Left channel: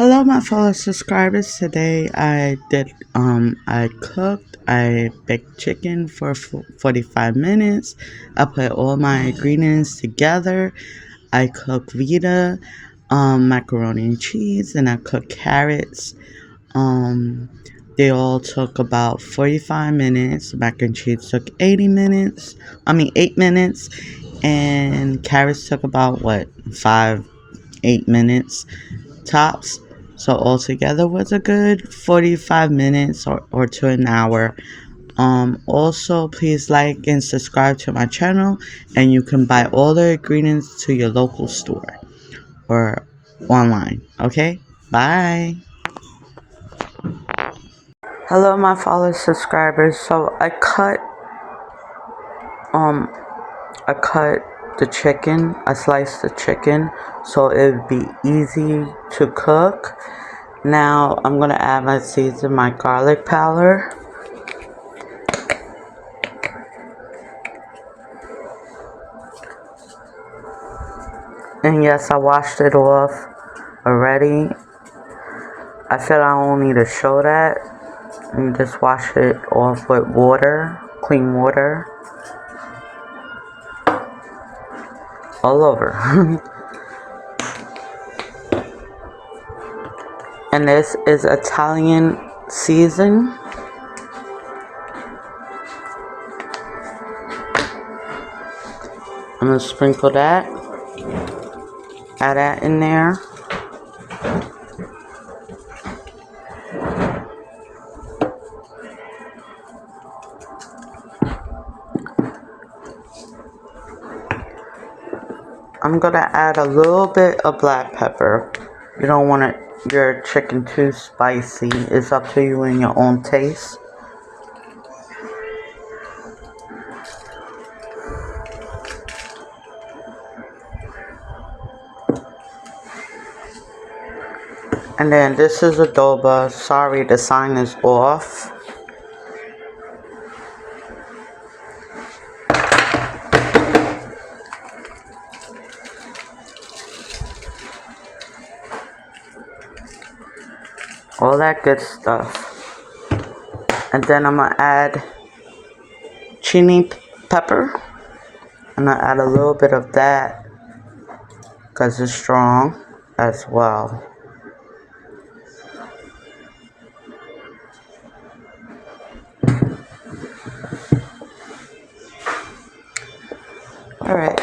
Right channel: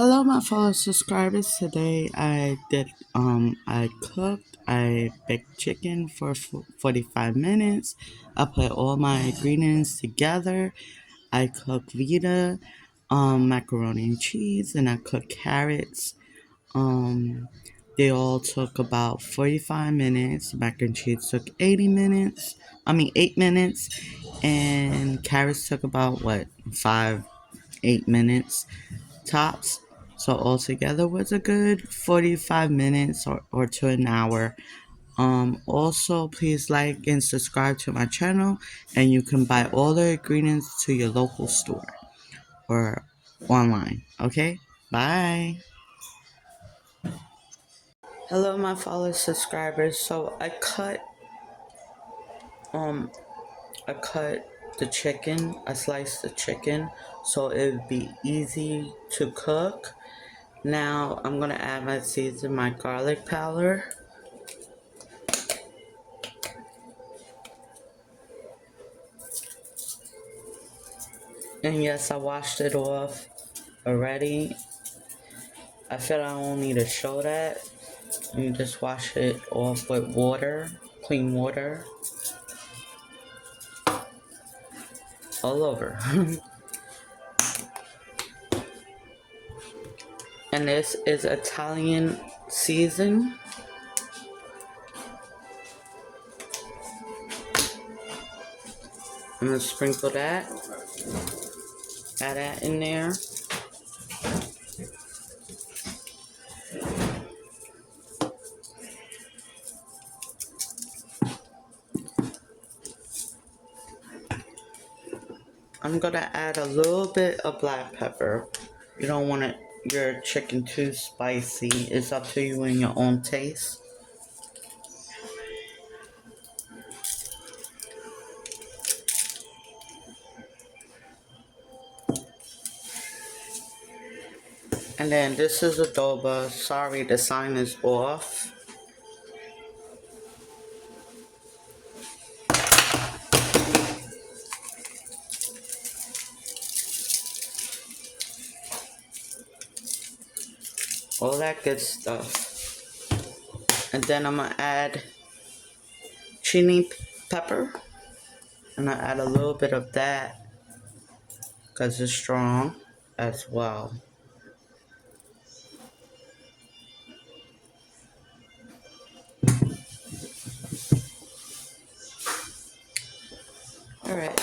Hello, my fellow subscribers. Today I baked chicken for 45 minutes. I put all my ingredients together. I cooked vetta, macaroni and cheese, and I cooked carrots. Um, they all took about 45 minutes. Mac and cheese took 8 minutes, and carrots took about 8 minutes tops. So altogether was a good 45 minutes or to an hour. Also, please like and subscribe to my channel, and you can buy all the ingredients to your local store or online. Okay, bye. Hello, my fellow subscribers. So um I cut the chicken. I sliced the chicken so it would be easy to cook. Now I'm gonna add my season, my garlic powder. And yes, I washed it off already. I feel I don't need to show that. You just wash it off with water, clean water, all over. And this is Italian season. I'm gonna sprinkle that. Add that in there. I'm gonna add a little bit of black pepper. You don't want your chicken too spicy. It's up to you and your own taste. And then this is adobo. Sorry, the sign is off. All that good stuff. And then I'm gonna add chili pepper. I'm gonna add a little bit of that because it's strong as well. Alright.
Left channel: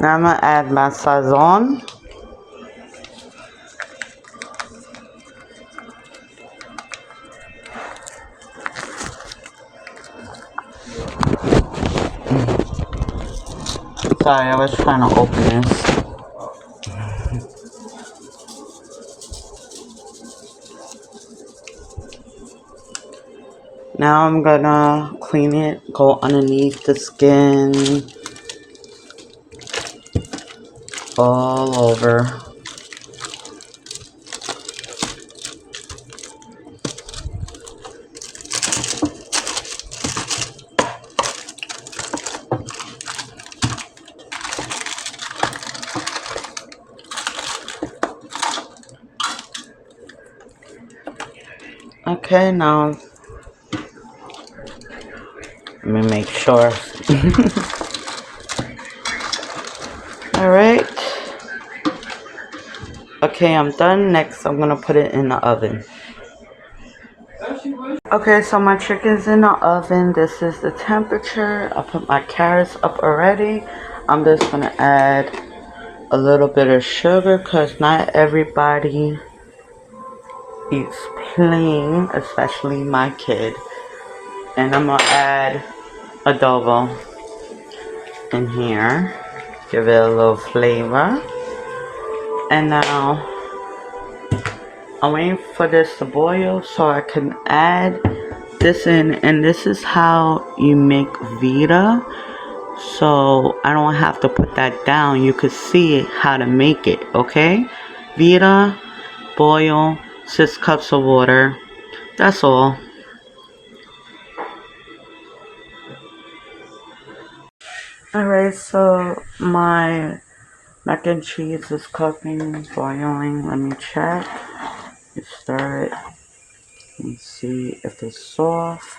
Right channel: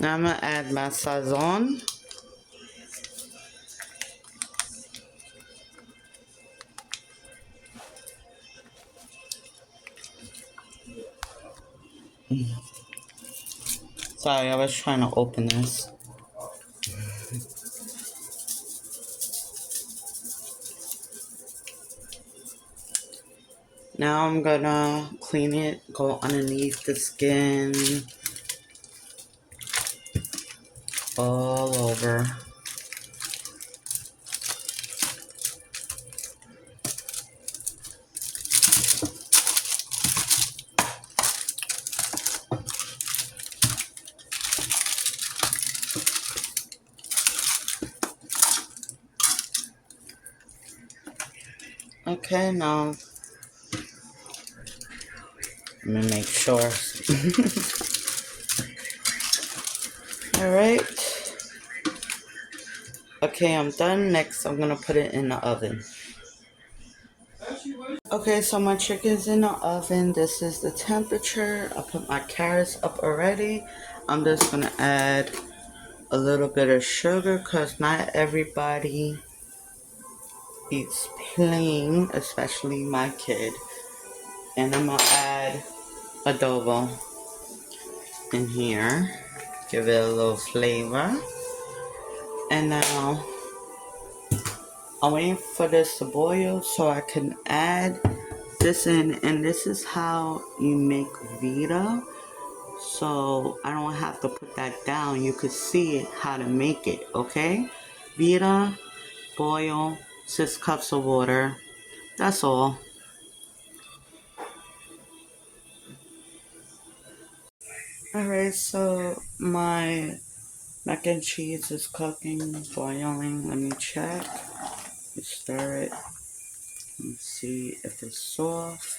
Now I'm gonna add my sazon. Sorry, I was trying to open this. Now I'm gonna clean it, go underneath the skin, all over. Okay, now let me make sure. Alright. Okay, I'm done. Next, I'm gonna put it in the oven. Okay, so my chicken's in the oven. This is the temperature. I put my carrots up already. I'm just gonna add a little bit of sugar because not everybody eats plain, especially my kid. And I'm gonna add adobo in here. Give it a little flavor. And now I'm waiting for this to boil so I can add this in, and this is how you make vetta, so I don't have to put that down. You could see how to make it. Okay, vetta, boil 6 cups of water. That's all. Alright, so my Mac and cheese is cooking, boiling. Let me check. You stir it. Let me see if it's soft.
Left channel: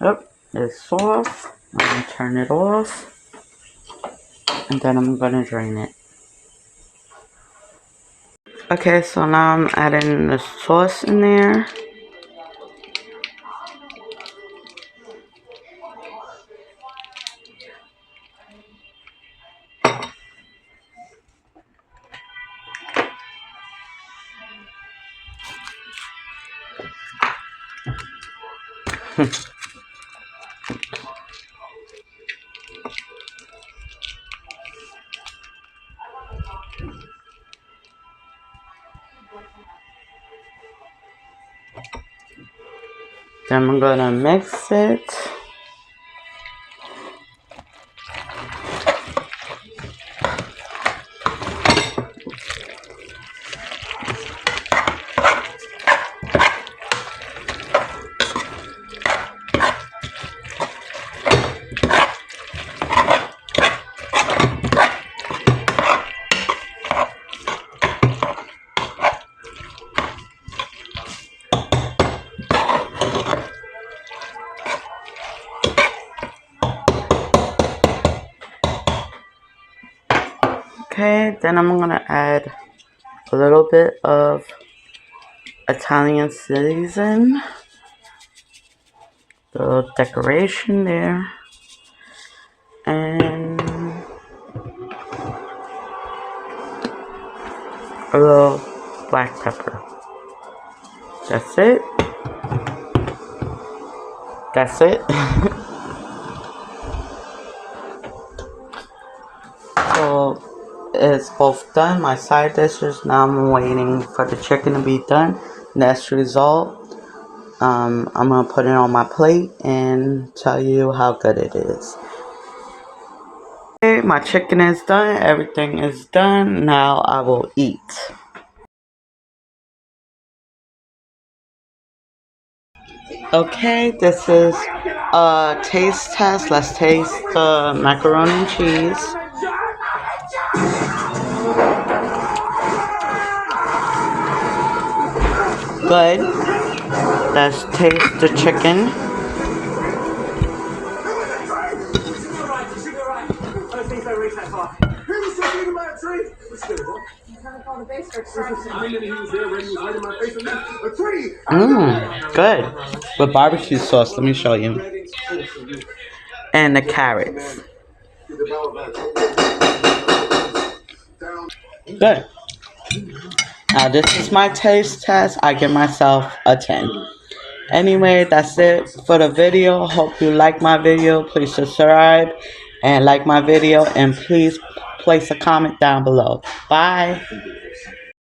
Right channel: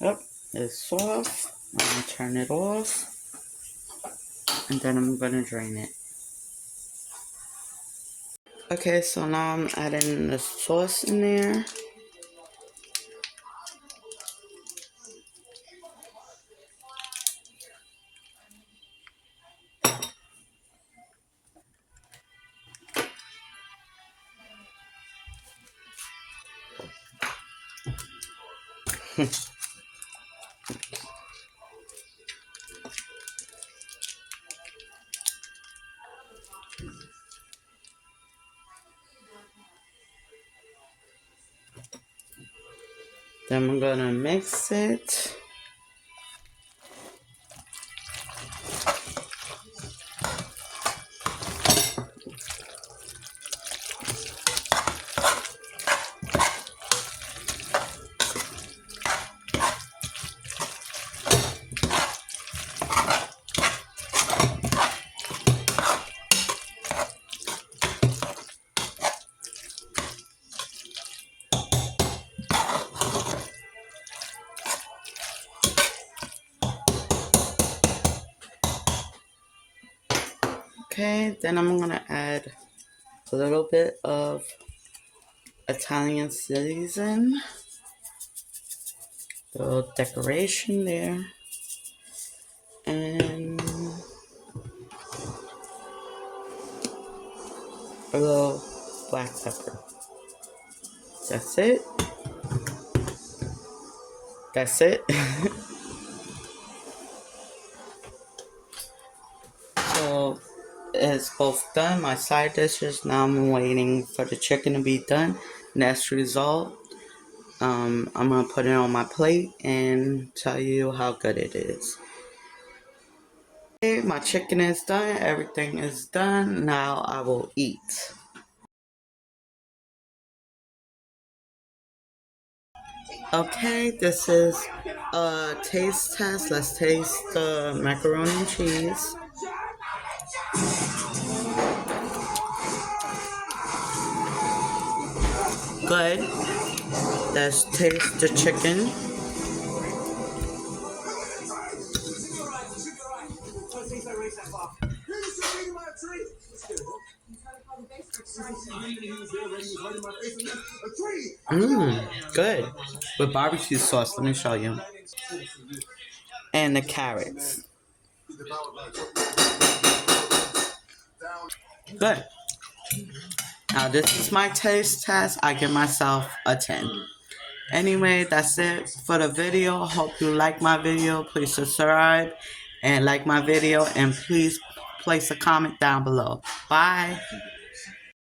Oh, it's soft. I'm gonna turn it off. And then I'm gonna drain it. Okay, so now I'm adding the sauce in there. Then I'm gonna mix it. Okay, then I'm gonna add a little bit of Italian season, the decoration there, and a little black pepper. That's it. That's it. So it's both done. My side dishes. Now I'm waiting for the chicken to be done. Next result. I'm gonna put it on my plate and tell you how good it is. Okay, my chicken is done. Everything is done. Now I will eat. Okay, this is a taste test. Let's taste the macaroni and cheese. Good. Let's taste the chicken. Good. With barbecue sauce, let me show you. And the carrots. Good. Now this is my taste test. I give myself a 10. Anyway, that's it for the video. Hope you like my video. Please subscribe and like my video. And please place a comment down below. Bye.